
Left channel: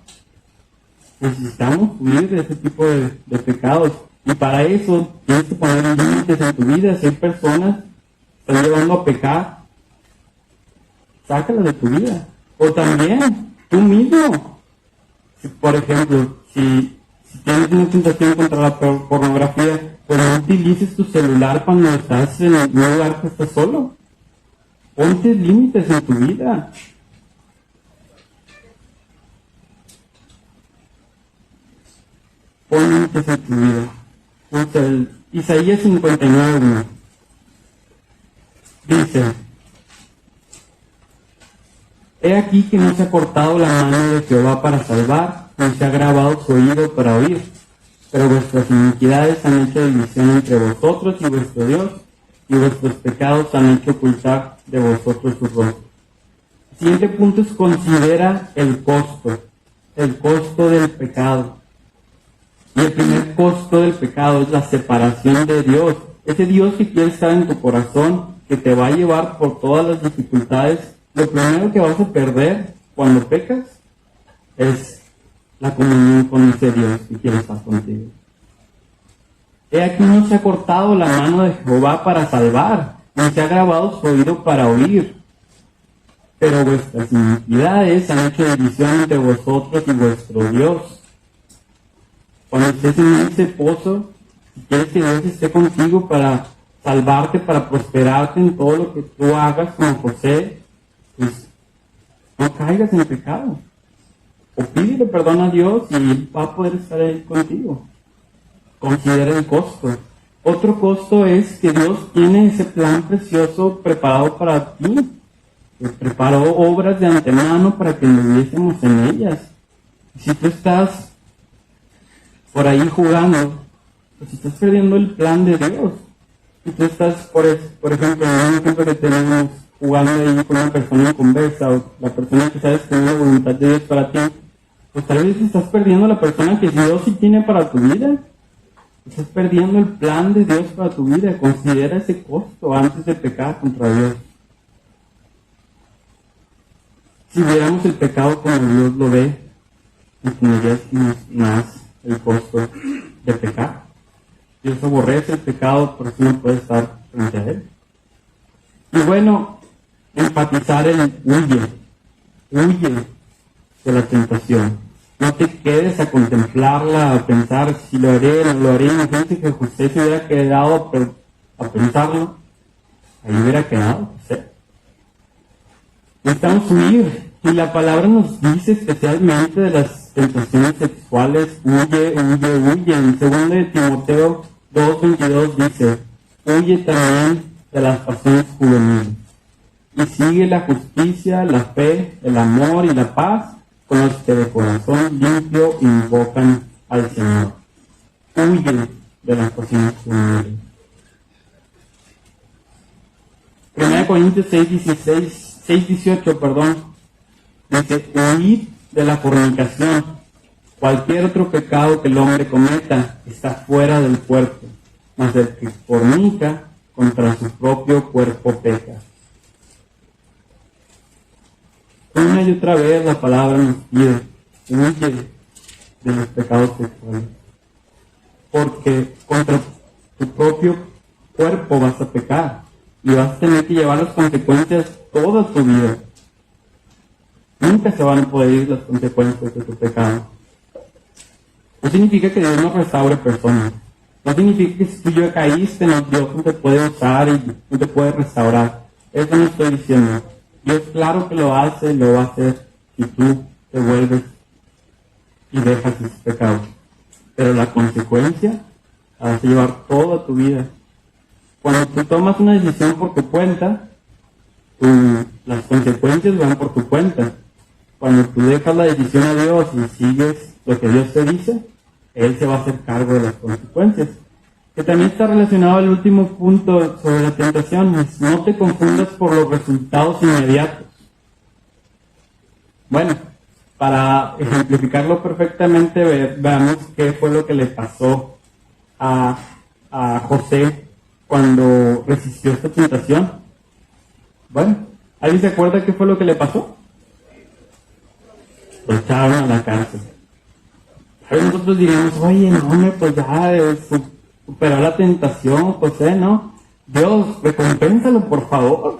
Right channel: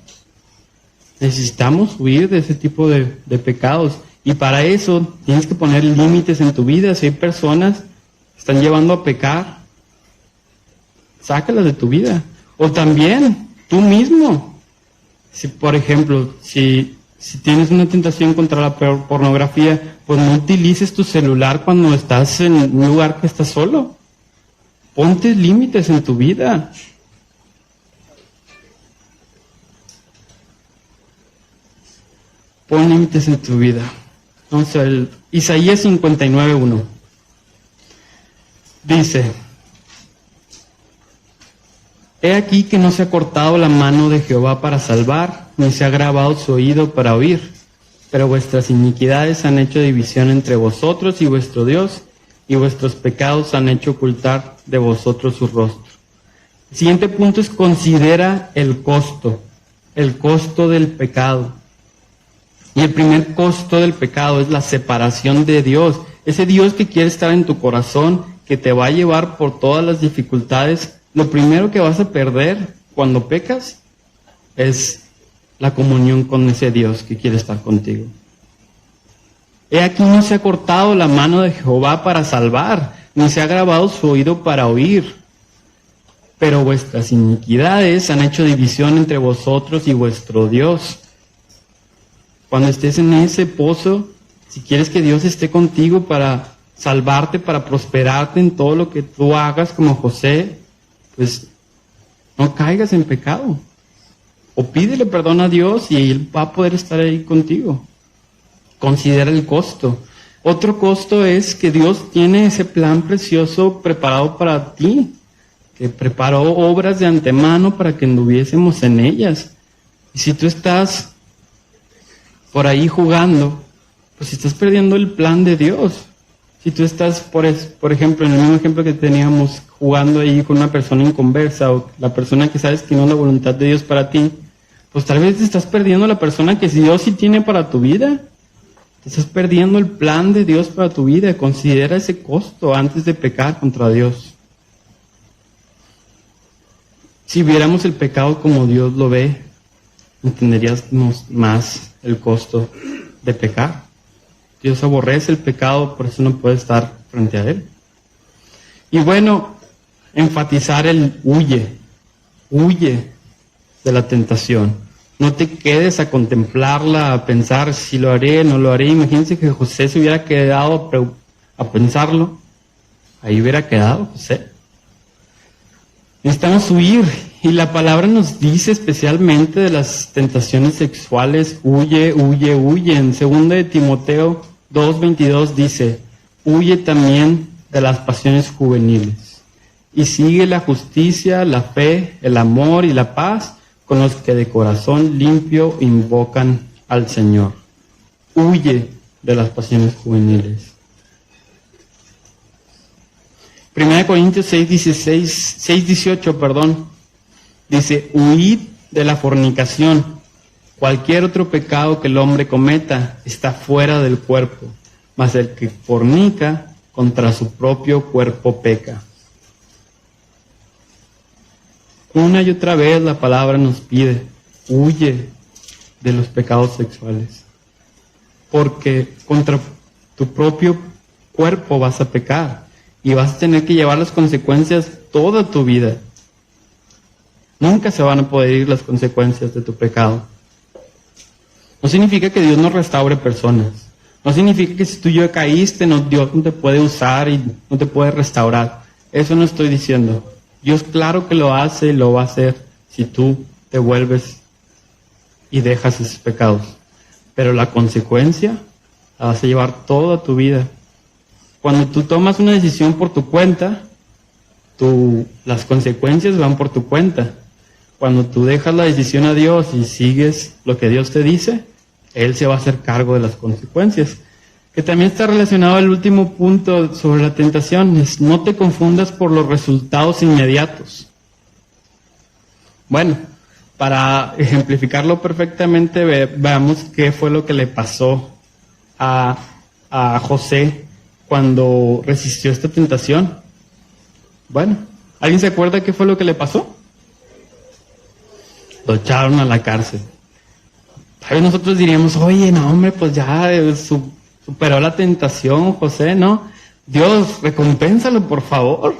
Necesitamos huir de ese tipo de pecados. Y para eso tienes que poner límites en tu vida. Si hay personas que están llevando a pecar, sácalas de tu vida. O también, tú mismo. Si, por ejemplo, si tienes una tentación contra la pornografía, pues no utilices tu celular cuando estás en un lugar que estás solo. Ponte límites en tu vida. Pon límites en tu vida. Entonces, Isaías 59:1 dice: He aquí que no se ha cortado la mano de Jehová para salvar, ni se ha agravado su oído para oír. Pero vuestras iniquidades han hecho división entre vosotros y vuestro Dios, y vuestros pecados han hecho ocultar de vosotros su rostro. El siguiente punto es considera el costo del pecado. Y el primer costo del pecado es la separación de Dios. Ese Dios que quiere estar en tu corazón, que te va a llevar por todas las dificultades. Lo primero que vas a perder cuando pecas es la comunión con ese Dios que quiere estar contigo. He aquí no se ha cortado la mano de Jehová para salvar, ni se ha agravado su oído para oír. Pero vuestras iniquidades han hecho división entre vosotros y vuestro Dios. Cuando estés en ese pozo, si quieres que Dios esté contigo para salvarte, para prosperarte en todo lo que tú hagas como José, pues no caigas en pecado. O pídele perdón a Dios y Él va a poder estar ahí contigo. Considera el costo. Otro costo es que Dios tiene ese plan precioso preparado para ti, que preparó obras de antemano para que anduviésemos en ellas. Y si tú estás por ahí jugando, pues estás perdiendo el plan de Dios. Si tú estás, por ejemplo, en un ejemplo que teníamos, jugando ahí con una persona en conversa, o la persona que sabes que no es la voluntad de Dios para ti, pues tal vez te estás perdiendo la persona que Dios sí tiene para tu vida. Te estás perdiendo el plan de Dios para tu vida. Considera ese costo antes de pecar contra Dios. Si viéramos el pecado como Dios lo ve, entenderíamos más el costo de pecar. Dios aborrece el pecado, por eso no puede estar frente a él. Y bueno, enfatizar el huye de la tentación. No te quedes a contemplarla, a pensar si lo haré, no lo haré. Imagínense que José se hubiera quedado a pensarlo. Ahí hubiera quedado José. Necesitamos huir. Y la palabra nos dice especialmente de las tentaciones sexuales, huye. En 2 Timoteo 2:22 dice, huye también de las pasiones juveniles. Y sigue la justicia, la fe, el amor y la paz con los que de corazón limpio invocan al Señor. Huye de las pasiones juveniles. 1 Corintios 6:18, dice, huid de la fornicación. Cualquier otro pecado que el hombre cometa está fuera del cuerpo, mas el que fornica contra su propio cuerpo peca. Una y otra vez la palabra nos pide, huye de los pecados sexuales, porque contra tu propio cuerpo vas a pecar y vas a tener que llevar las consecuencias toda tu vida. Nunca se van a poder ir las consecuencias de tu pecado. No significa que Dios no restaure personas. No significa que si tú ya caíste, Dios no te puede usar y no te puede restaurar. Eso no estoy diciendo. Dios claro que lo hace y lo va a hacer si tú te vuelves y dejas esos pecados. Pero la consecuencia la vas a llevar toda tu vida. Cuando tú tomas una decisión por tu cuenta, las consecuencias van por tu cuenta. Cuando tú dejas la decisión a Dios y sigues lo que Dios te dice, Él se va a hacer cargo de las consecuencias. Que también está relacionado al último punto sobre la tentación, es no te confundas por los resultados inmediatos. Bueno, para ejemplificarlo perfectamente, veamos qué fue lo que le pasó a José cuando resistió esta tentación. Bueno, ¿alguien se acuerda qué fue lo que le pasó? Lo echaron a la cárcel. Tal vez nosotros diríamos, oye, no hombre, pues ya superó la tentación, José, ¿no? Dios, recompénsalo, por favor.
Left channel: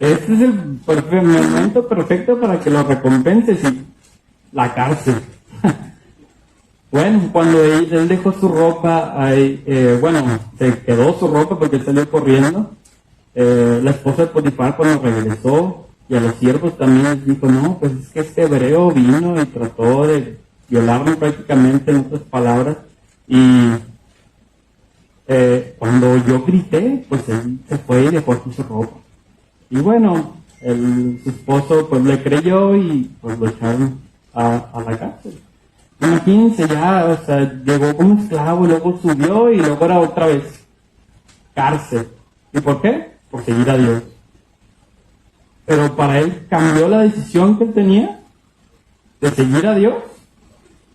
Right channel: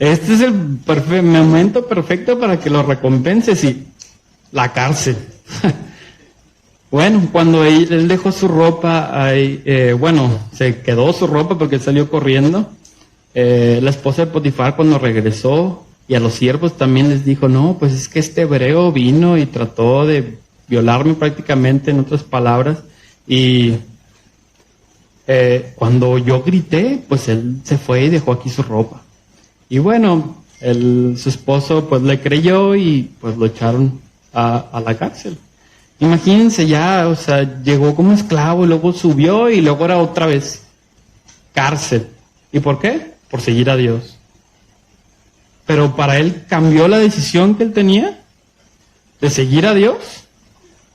Este es el momento perfecto para que lo recompenses, y la cárcel. Bueno, cuando él dejó su ropa, se quedó su ropa porque él salió corriendo. La esposa de Potifar, cuando regresó, y a los siervos también les dijo, no, pues es que este hebreo vino y trató de violarme prácticamente, en otras palabras, y cuando yo grité, pues él se fue y dejó aquí su ropa. Y bueno, su esposo pues le creyó y pues lo echaron a la cárcel. Imagínense ya, o sea, llegó como esclavo, luego subió y luego era otra vez cárcel. ¿Y por qué? Por seguir a Dios. Pero para él cambió la decisión que él tenía de seguir a Dios.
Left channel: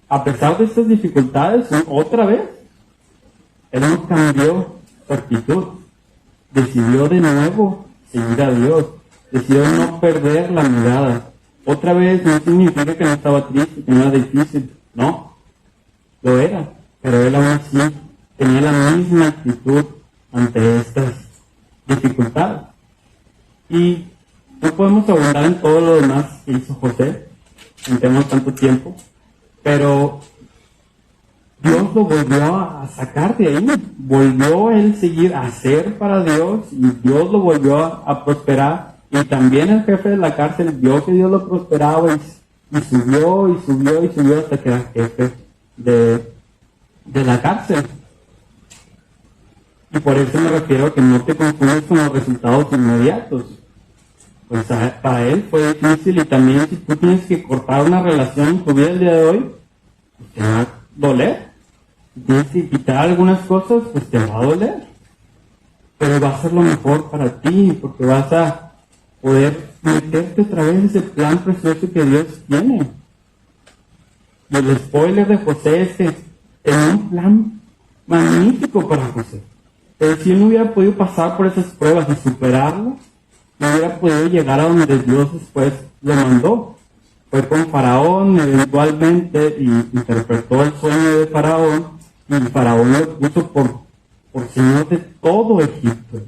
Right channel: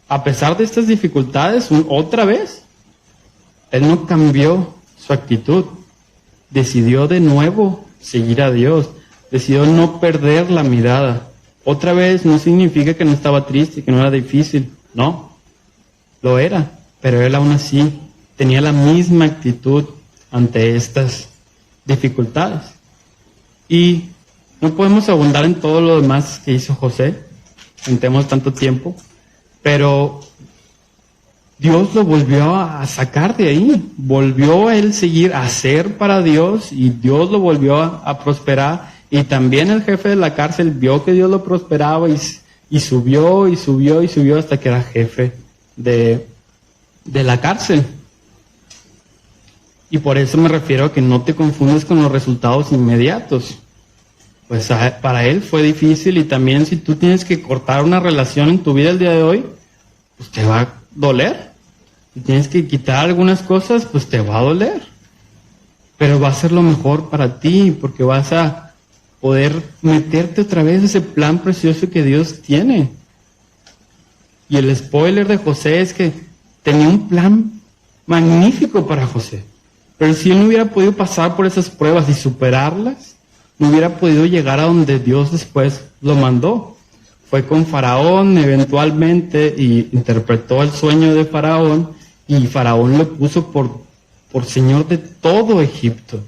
A pesar de estas dificultades, otra vez, él no cambió su actitud. Decidió de nuevo seguir a Dios. Decidió no perder la mirada. Otra vez no significa que no estaba triste, que no era difícil. No, lo era. Pero él aún así tenía la misma actitud ante estas dificultades. Y no podemos abundar en todo lo demás que hizo José, no tenemos tanto tiempo, pero Dios lo volvió a sacar de ahí, volvió a él seguir a hacer para Dios, y Dios lo volvió a prosperar, y también el jefe de la cárcel vio que Dios lo prosperaba y subió hasta que era jefe de la cárcel. Y por eso me refiero a que no te confundes con los resultados inmediatos. Pues para él fue difícil, y también si tú tienes que cortar una relación en tu vida el día de hoy, pues te va a doler. Si tienes que quitar algunas cosas, pues te va a doler. Pero va a ser lo mejor para ti, porque vas a poder meterte otra vez en ese plan precioso que Dios tiene. Y el spoiler de José es que tenía un plan magnífico para José. Pero si él no hubiera podido pasar por esas pruebas y superarlas, no hubiera podido llegar a donde Dios después lo mandó. Fue con Faraón eventualmente y interpretó el sueño de Faraón, y Faraón lo puso por señor de todo Egipto.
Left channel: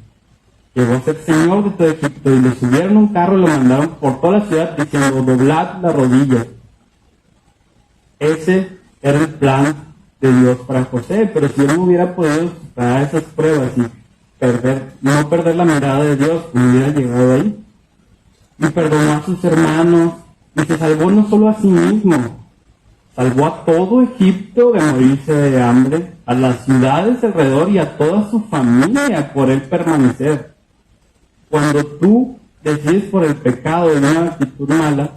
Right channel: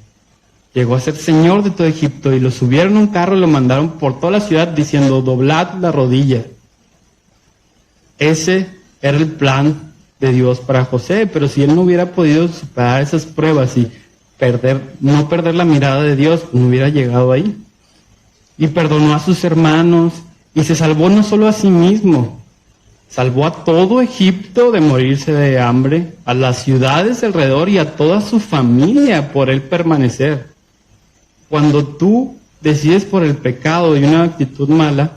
Llegó a ser señor de todo Egipto y lo subieron a un carro y lo mandaron por toda la ciudad diciendo: doblad la rodilla. Ese era el plan de Dios para José, pero si él no hubiera podido superar esas pruebas y no perder la mirada de Dios, no hubiera llegado ahí. Y perdonó a sus hermanos y se salvó no solo a sí mismo, salvó a todo Egipto de morirse de hambre, a las ciudades alrededor y a toda su familia por él permanecer. Cuando tú decides por el pecado y una actitud mala,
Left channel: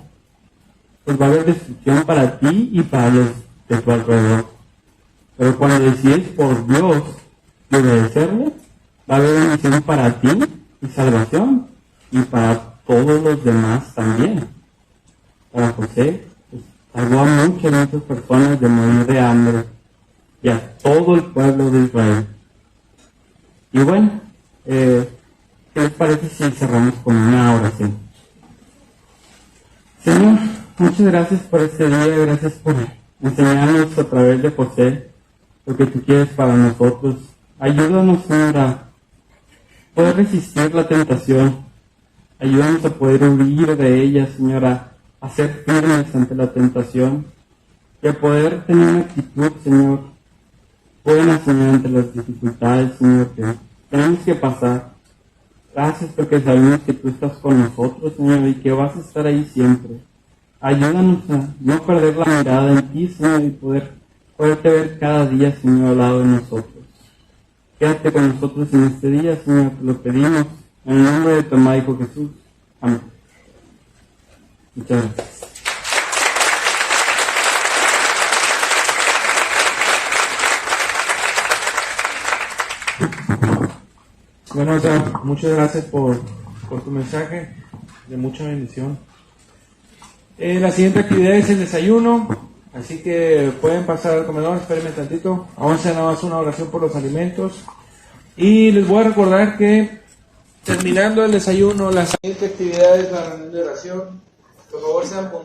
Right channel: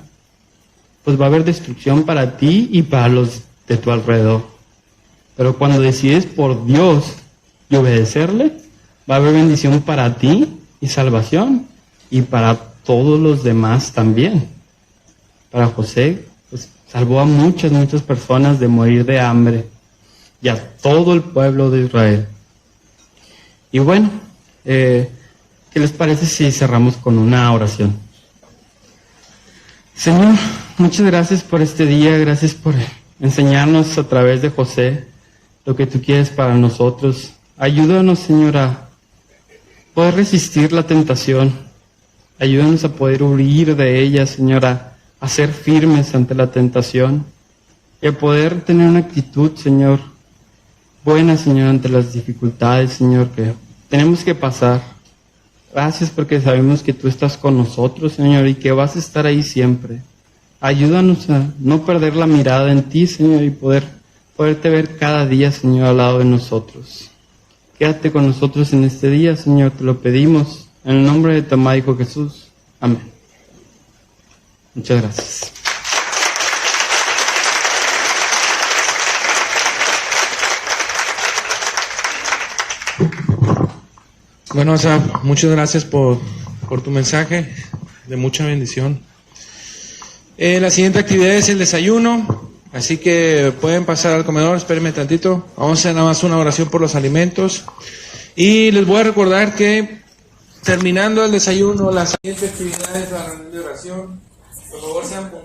pues va a haber destrucción para ti y para los de tu alrededor. Pero cuando decides por Dios y obedecerle, va a haber bendición para ti y salvación, y para todos los demás también. Para José, pues salvó a muchas personas de morir de hambre, y a todo el pueblo de Israel. Y bueno, ¿qué les parece si cerramos con una oración? Señor, muchas gracias por este día, gracias por enseñarnos a través de José lo que tú quieres para nosotros. Ayúdanos, Señor, a poder resistir la tentación. Ayúdanos a poder huir de ella, Señor, a ser firmes ante la tentación y a poder tener una actitud, Señor, buena, Señor, ante las dificultades, Señor, que tenemos que pasar. Gracias porque sabemos que tú estás con nosotros, Señor, y que vas a estar ahí siempre. Ayúdanos a no perder la mirada en ti, Señor, y poderte ver cada día, Señor, al lado de nosotros. Quédate con nosotros en este día, Señor, te lo pedimos en el nombre de tu amado Hijo Jesús. Amén. Muchas gracias. Bueno, Asaf, muchas gracias por tu mensaje de mucha bendición. La siguiente actividad es el desayuno, así que pueden pasar al comedor, espérenme tantito. Vamos a hacer nada más una oración por los alimentos. Y les voy a recordar que terminando el desayuno, la siguiente actividad es la reunión de oración. Por favor, sean puntuales.